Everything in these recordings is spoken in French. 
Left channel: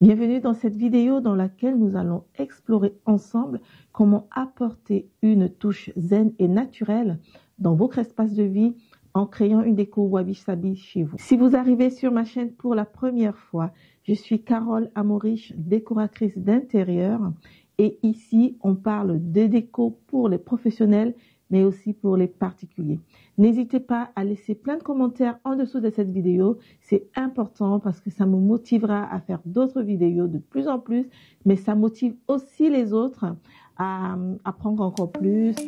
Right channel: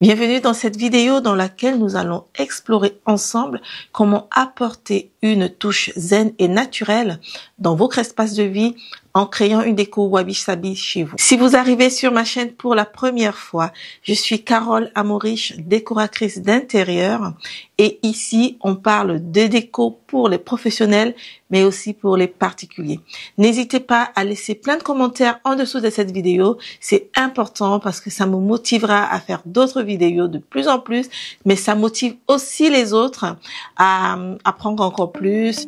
Bienvenue dans cette vidéo dans laquelle nous allons explorer ensemble comment apporter une touche zen et naturelle dans votre espace de vie en créant une déco wabi-sabi chez vous. Si vous arrivez sur ma chaîne pour la première fois, je suis Carole Amorich, décoratrice d'intérieur, et ici on parle de déco pour les professionnels mais aussi pour les particuliers. N'hésitez pas à laisser plein de commentaires en dessous de cette vidéo, c'est important parce que ça me motivera à faire d'autres vidéos de plus en plus, mais ça motive aussi les autres à apprendre encore plus.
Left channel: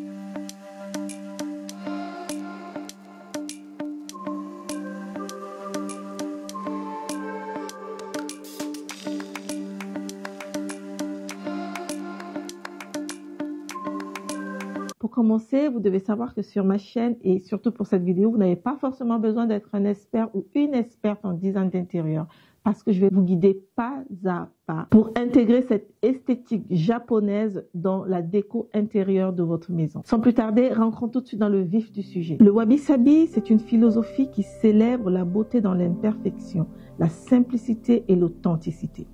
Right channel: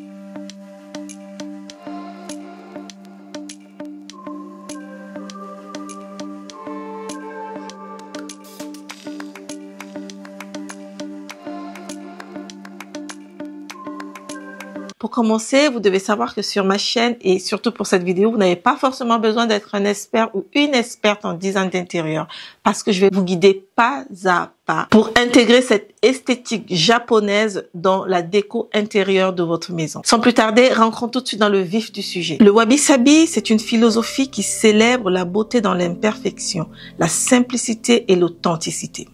Pour commencer, vous devez savoir que sur ma chaîne et surtout pour cette vidéo, vous n'avez pas forcément besoin d'être un expert ou une experte en design d'intérieur parce que je vais vous guider pas à pas pour intégrer cette esthétique japonaise dans la déco intérieure de votre maison. Sans plus tarder, rentrons tout de suite dans le vif du sujet. Le wabi-sabi, c'est une philosophie qui célèbre la beauté dans l'imperfection, la simplicité et l'authenticité.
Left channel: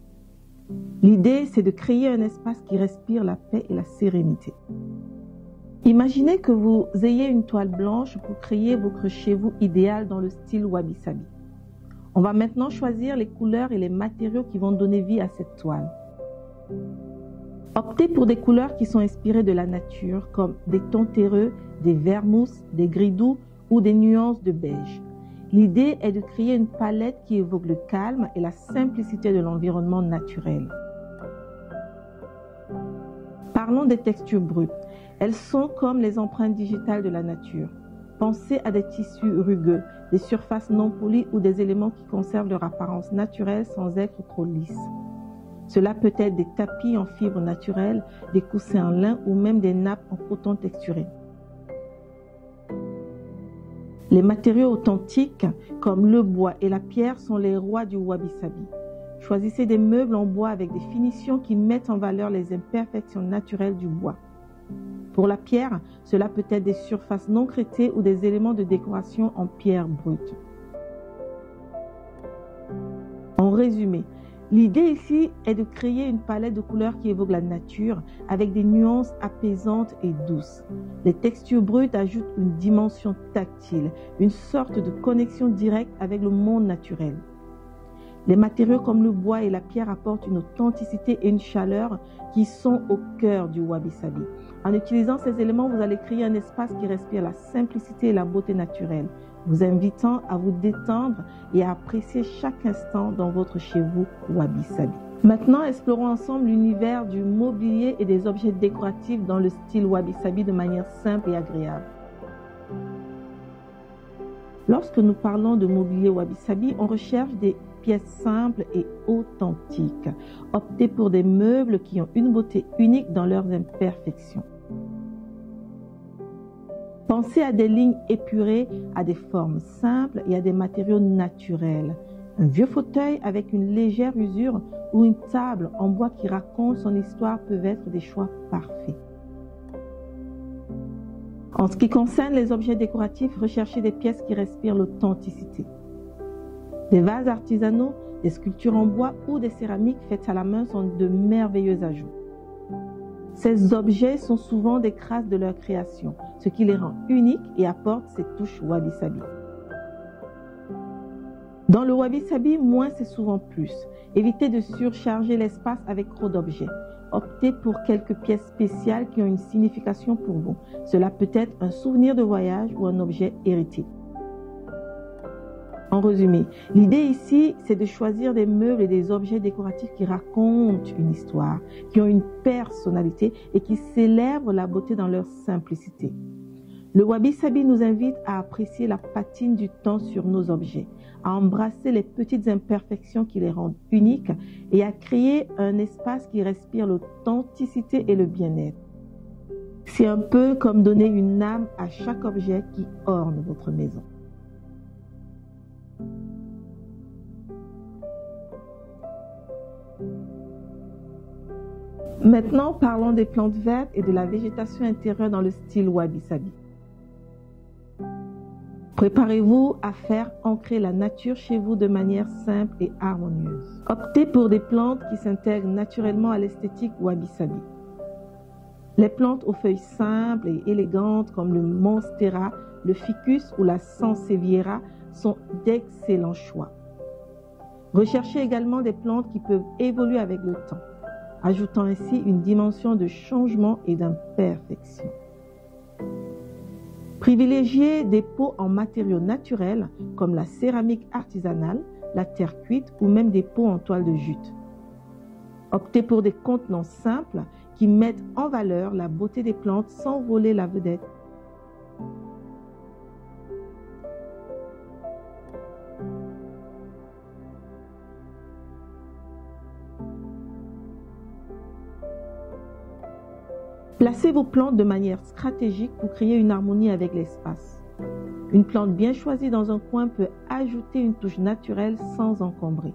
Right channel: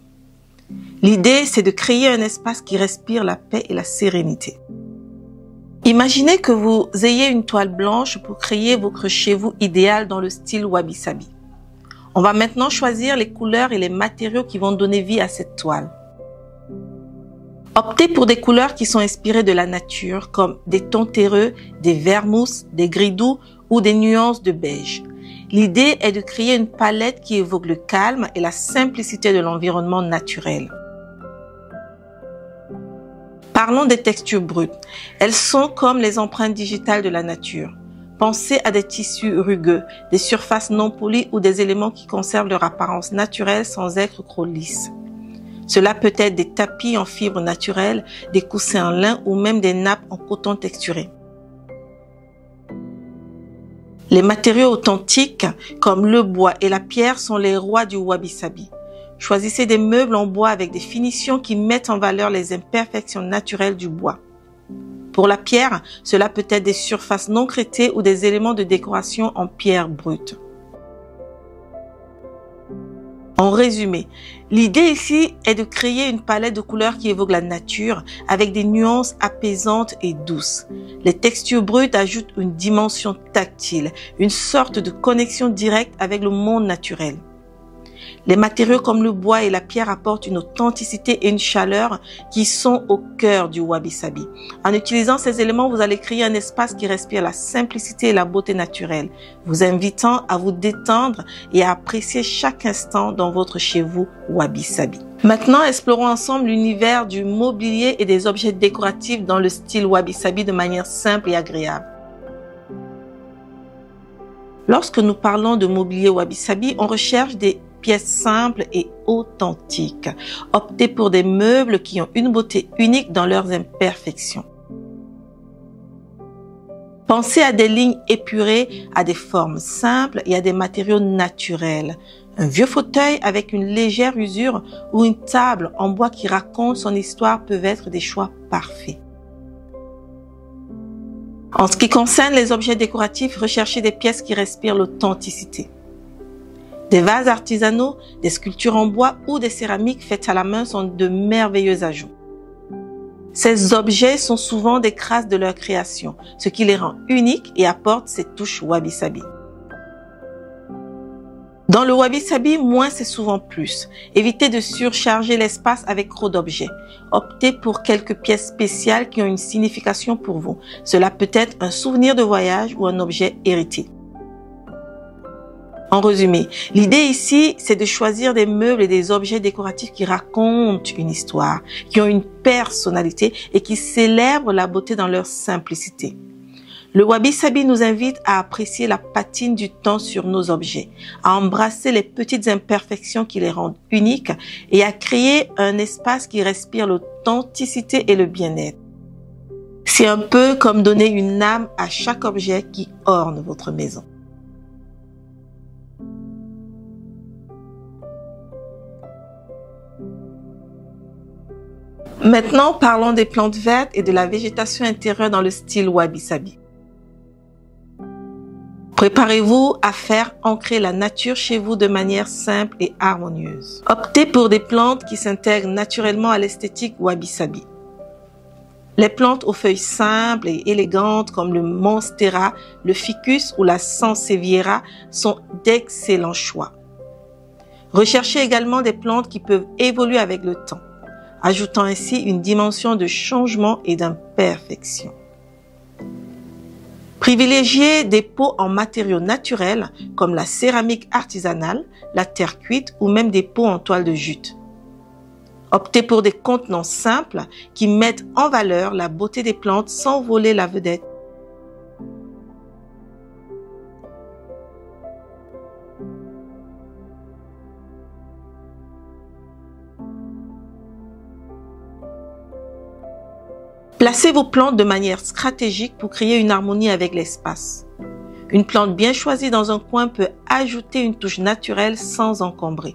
L'idée, c'est de créer un espace qui respire la paix et la sérénité. Imaginez que vous ayez une toile blanche pour créer votre chez vous idéal dans le style wabi-sabi. On va maintenant choisir les couleurs et les matériaux qui vont donner vie à cette toile. Optez pour des couleurs qui sont inspirées de la nature, comme des tons terreux, des verts mousse, des gris doux ou des nuances de beige. L'idée est de créer une palette qui évoque le calme et la simplicité de l'environnement naturel. Parlons des textures brutes. Elles sont comme les empreintes digitales de la nature. Pensez à des tissus rugueux, des surfaces non polies ou des éléments qui conservent leur apparence naturelle sans être trop lisses. Cela peut être des tapis en fibres naturelles, des coussins en lin ou même des nappes en coton texturé. Les matériaux authentiques comme le bois et la pierre sont les rois du wabi-sabi. Choisissez des meubles en bois avec des finitions qui mettent en valeur les imperfections naturelles du bois. Pour la pierre, cela peut être des surfaces non craitées ou des éléments de décoration en pierre brute. En résumé, l'idée ici est de créer une palette de couleurs qui évoque la nature avec des nuances apaisantes et douces. Les textures brutes ajoutent une dimension tactile, une sorte de connexion directe avec le monde naturel. Les matériaux comme le bois et la pierre apportent une authenticité et une chaleur qui sont au cœur du wabi-sabi. En utilisant ces éléments, vous allez créer un espace qui respire la simplicité et la beauté naturelle, vous invitant à vous détendre et à apprécier chaque instant dans votre chez vous wabi-sabi. Maintenant, explorons ensemble l'univers du mobilier et des objets décoratifs dans le style wabi-sabi de manière simple et agréable. Lorsque nous parlons de mobilier wabi-sabi, on recherche des pièces simples et authentiques. Optez pour des meubles qui ont une beauté unique dans leurs imperfections. Pensez à des lignes épurées, à des formes simples et à des matériaux naturels. Un vieux fauteuil avec une légère usure ou une table en bois qui raconte son histoire peuvent être des choix parfaits. En ce qui concerne les objets décoratifs, recherchez des pièces qui respirent l'authenticité. Des vases artisanaux, des sculptures en bois ou des céramiques faites à la main sont de merveilleux ajouts. Ces objets sont souvent des grâces de leur création, ce qui les rend uniques et apporte cette touche wabi-sabi. Dans le wabi-sabi, moins c'est souvent plus. Évitez de surcharger l'espace avec trop d'objets. Optez pour quelques pièces spéciales qui ont une signification pour vous. Cela peut être un souvenir de voyage ou un objet hérité. En résumé, l'idée ici, c'est de choisir des meubles et des objets décoratifs qui racontent une histoire, qui ont une personnalité et qui célèbrent la beauté dans leur simplicité. Le wabi-sabi nous invite à apprécier la patine du temps sur nos objets, à embrasser les petites imperfections qui les rendent uniques et à créer un espace qui respire l'authenticité et le bien-être. C'est un peu comme donner une âme à chaque objet qui orne votre maison. Maintenant, parlons des plantes vertes et de la végétation intérieure dans le style wabi-sabi. Préparez-vous à faire ancrer la nature chez vous de manière simple et harmonieuse. Optez pour des plantes qui s'intègrent naturellement à l'esthétique wabi-sabi. Les plantes aux feuilles simples et élégantes comme le monstera, le ficus ou la sansevieria sont d'excellents choix. Recherchez également des plantes qui peuvent évoluer avec le temps, ajoutant ainsi une dimension de changement et d'imperfection. Privilégiez des pots en matériaux naturels comme la céramique artisanale, la terre cuite ou même des pots en toile de jute. Optez pour des contenants simples qui mettent en valeur la beauté des plantes sans voler la vedette. Placez vos plantes de manière stratégique pour créer une harmonie avec l'espace. Une plante bien choisie dans un coin peut ajouter une touche naturelle sans encombrer.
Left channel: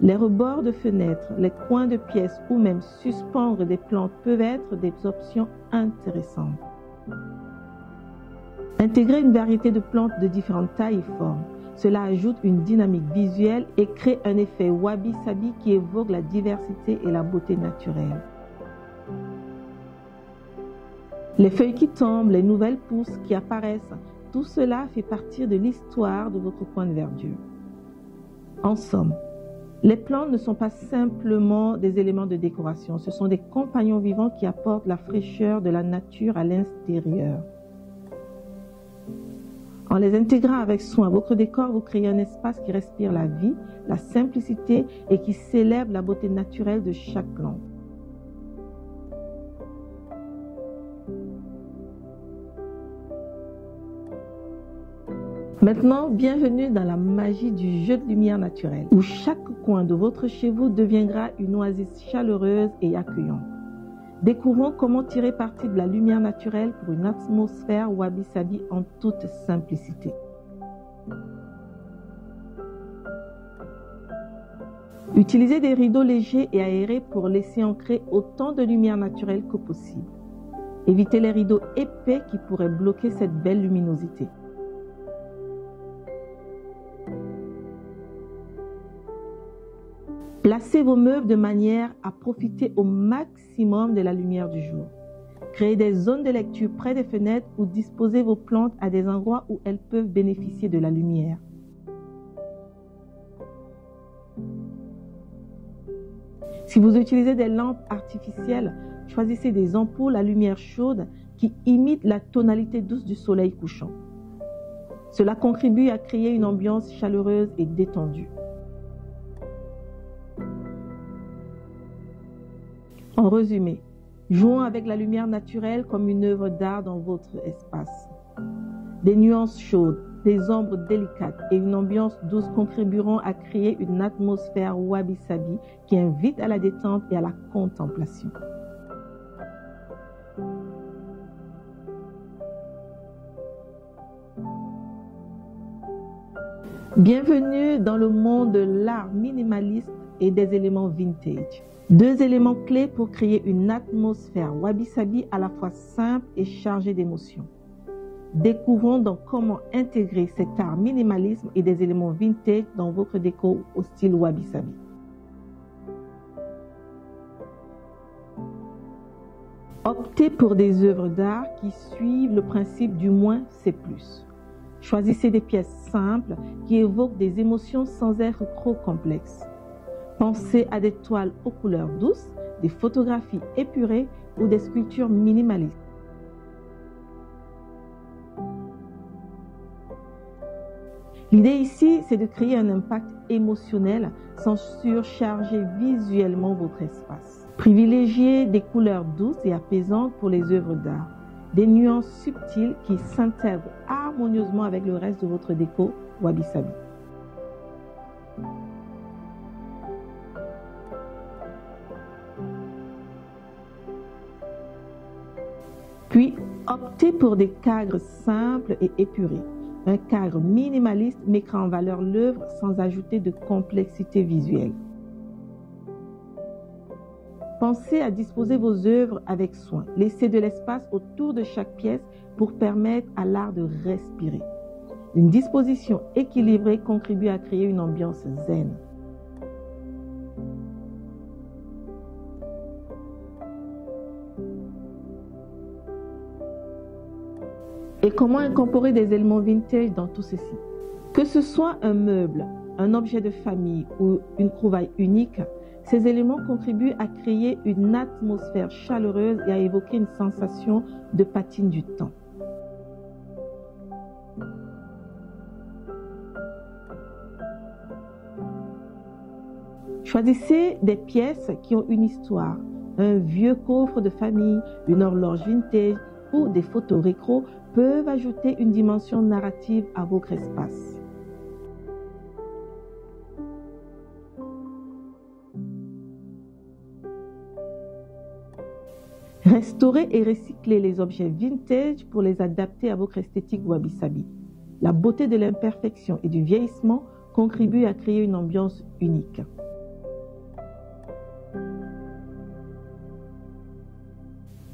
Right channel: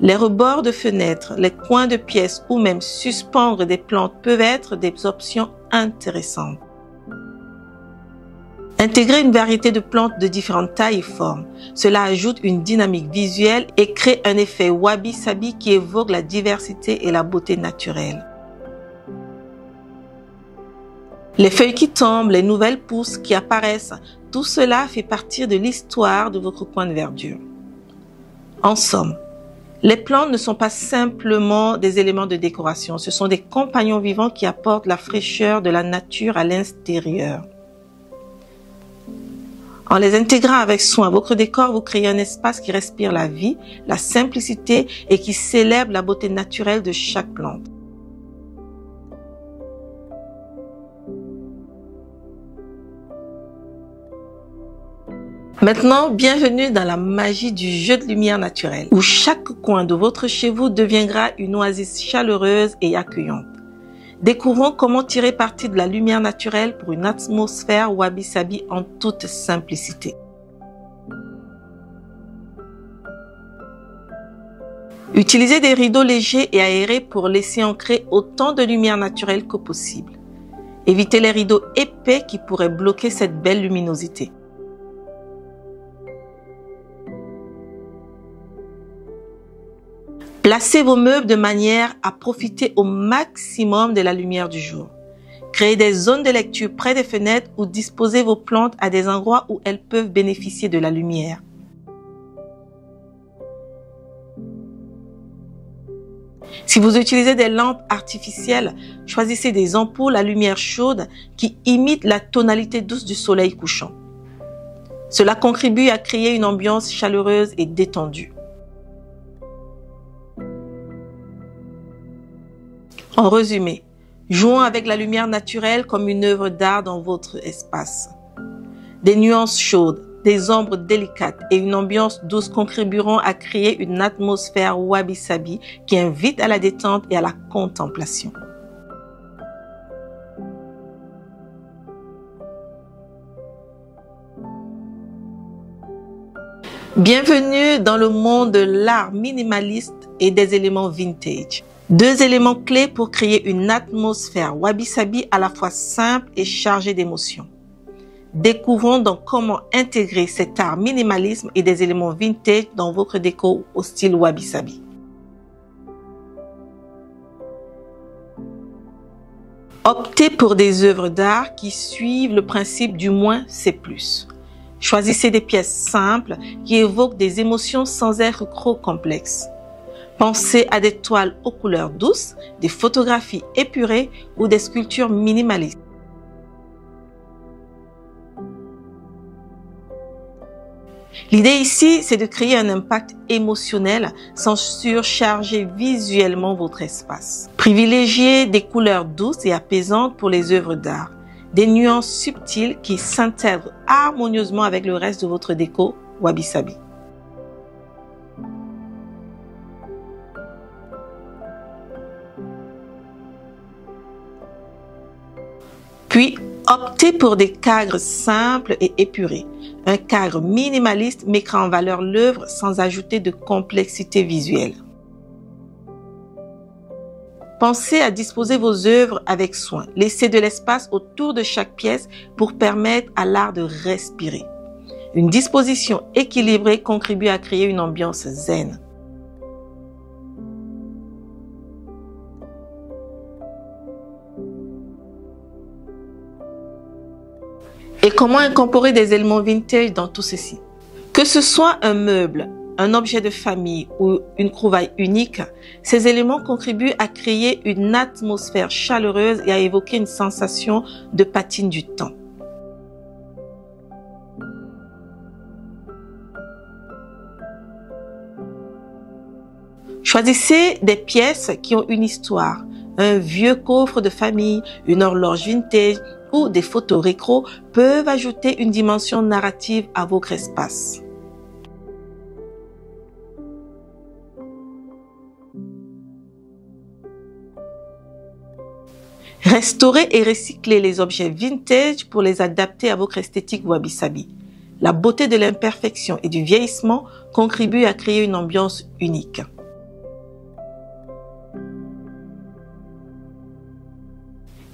Les rebords de fenêtres, les coins de pièces ou même suspendre des plantes peuvent être des options intéressantes. Intégrez une variété de plantes de différentes tailles et formes. Cela ajoute une dynamique visuelle et crée un effet wabi-sabi qui évoque la diversité et la beauté naturelle. Les feuilles qui tombent, les nouvelles pousses qui apparaissent, tout cela fait partie de l'histoire de votre coin de verdure. En somme, les plantes ne sont pas simplement des éléments de décoration, ce sont des compagnons vivants qui apportent la fraîcheur de la nature à l'intérieur. En les intégrant avec soin à votre décor, vous créez un espace qui respire la vie, la simplicité et qui célèbre la beauté naturelle de chaque plante. Maintenant, bienvenue dans la magie du jeu de lumière naturelle, où chaque coin de votre chez vous deviendra une oasis chaleureuse et accueillante. Découvrons comment tirer parti de la lumière naturelle pour une atmosphère wabi-sabi en toute simplicité. Utilisez des rideaux légers et aérés pour laisser ancrer autant de lumière naturelle que possible. Évitez les rideaux épais qui pourraient bloquer cette belle luminosité. Placez vos meubles de manière à profiter au maximum de la lumière du jour. Créez des zones de lecture près des fenêtres ou disposez vos plantes à des endroits où elles peuvent bénéficier de la lumière. Si vous utilisez des lampes artificielles, choisissez des ampoules à lumière chaude qui imitent la tonalité douce du soleil couchant. Cela contribue à créer une ambiance chaleureuse et détendue. En résumé, jouons avec la lumière naturelle comme une œuvre d'art dans votre espace. Des nuances chaudes, des ombres délicates et une ambiance douce contribueront à créer une atmosphère wabi-sabi qui invite à la détente et à la contemplation. Bienvenue dans le monde de l'art minimaliste et des éléments vintage. Deux éléments clés pour créer une atmosphère wabi-sabi à la fois simple et chargée d'émotions. Découvrons donc comment intégrer cet art minimalisme et des éléments vintage dans votre déco au style wabi-sabi. Optez pour des œuvres d'art qui suivent le principe du moins c'est plus. Choisissez des pièces simples qui évoquent des émotions sans être trop complexes. Pensez à des toiles aux couleurs douces, des photographies épurées ou des sculptures minimalistes. L'idée ici, c'est de créer un impact émotionnel sans surcharger visuellement votre espace. Privilégiez des couleurs douces et apaisantes pour les œuvres d'art, des nuances subtiles qui s'intègrent harmonieusement avec le reste de votre déco wabi-sabi. Puis, optez pour des cadres simples et épurés. Un cadre minimaliste mettra en valeur l'œuvre sans ajouter de complexité visuelle. Pensez à disposer vos œuvres avec soin. Laissez de l'espace autour de chaque pièce pour permettre à l'art de respirer. Une disposition équilibrée contribue à créer une ambiance zen. Et comment incorporer des éléments vintage dans tout ceci? Que ce soit un meuble, un objet de famille ou une trouvaille unique, ces éléments contribuent à créer une atmosphère chaleureuse et à évoquer une sensation de patine du temps. Choisissez des pièces qui ont une histoire. Un vieux coffre de famille, une horloge vintage ou des photos rétro peuvent ajouter une dimension narrative à votre espace. Restaurez et recyclez les objets vintage pour les adapter à votre esthétique wabi-sabi. La beauté de l'imperfection et du vieillissement contribue à créer une ambiance unique.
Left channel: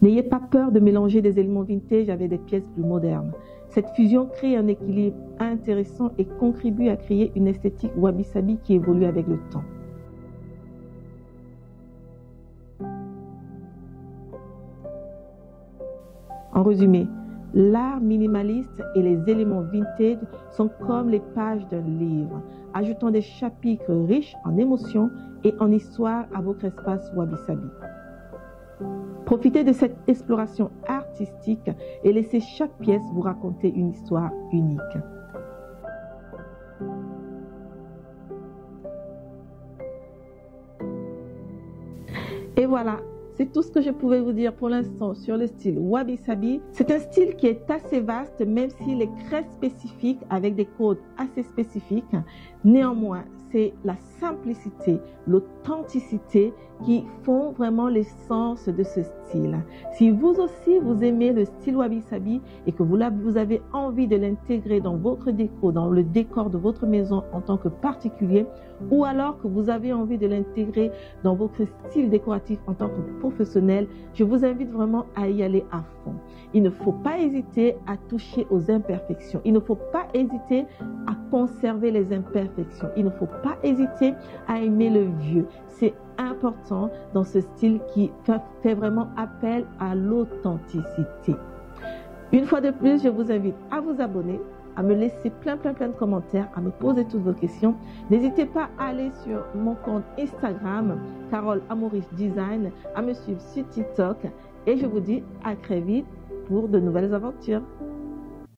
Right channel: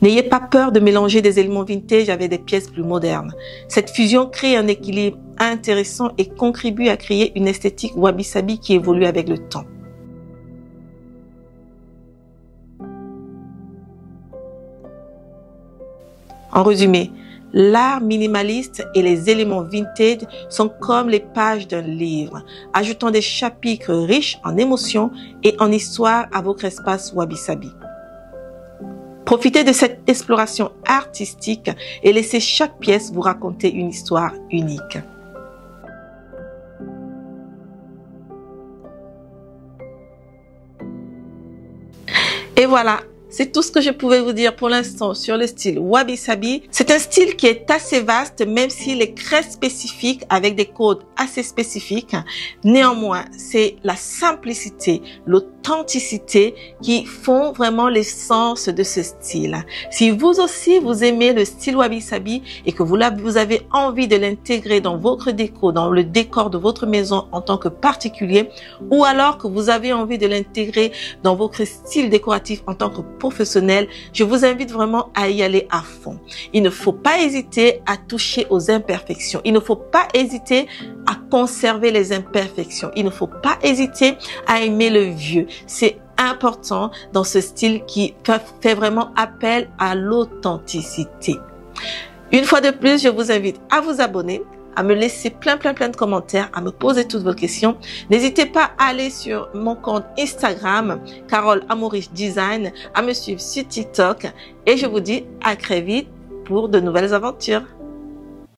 N'ayez pas peur de mélanger des éléments vintage avec des pièces plus modernes. Cette fusion crée un équilibre intéressant et contribue à créer une esthétique wabi-sabi qui évolue avec le temps. En résumé, l'art minimaliste et les éléments vintage sont comme les pages d'un livre, ajoutant des chapitres riches en émotions et en histoire à votre espace wabi-sabi. Profitez de cette exploration artistique et laissez chaque pièce vous raconter une histoire unique. Et voilà, c'est tout ce que je pouvais vous dire pour l'instant sur le style wabi-sabi. C'est un style qui est assez vaste, même s'il est très spécifique avec des codes assez spécifiques. Néanmoins, c'est la simplicité, l'authenticité qui font vraiment l'essence de ce style. Si vous aussi, vous aimez le style wabi-sabi et que vous avez envie de l'intégrer dans votre déco, dans le décor de votre maison en tant que particulier, ou alors que vous avez envie de l'intégrer dans votre style décoratif en tant que professionnel, je vous invite vraiment à y aller à fond. Il ne faut pas hésiter à toucher aux imperfections. Il ne faut pas hésiter à conserver les imperfections. Il ne faut pas hésiter à aimer le vieux. C'est important dans ce style qui fait vraiment appel à l'authenticité. Une fois de plus, je vous invite à vous abonner, à me laisser plein de commentaires, à me poser toutes vos questions. N'hésitez pas à aller sur mon compte Instagram, Carole Amoureche Design, à me suivre sur TikTok et je vous dis à très vite pour de nouvelles aventures.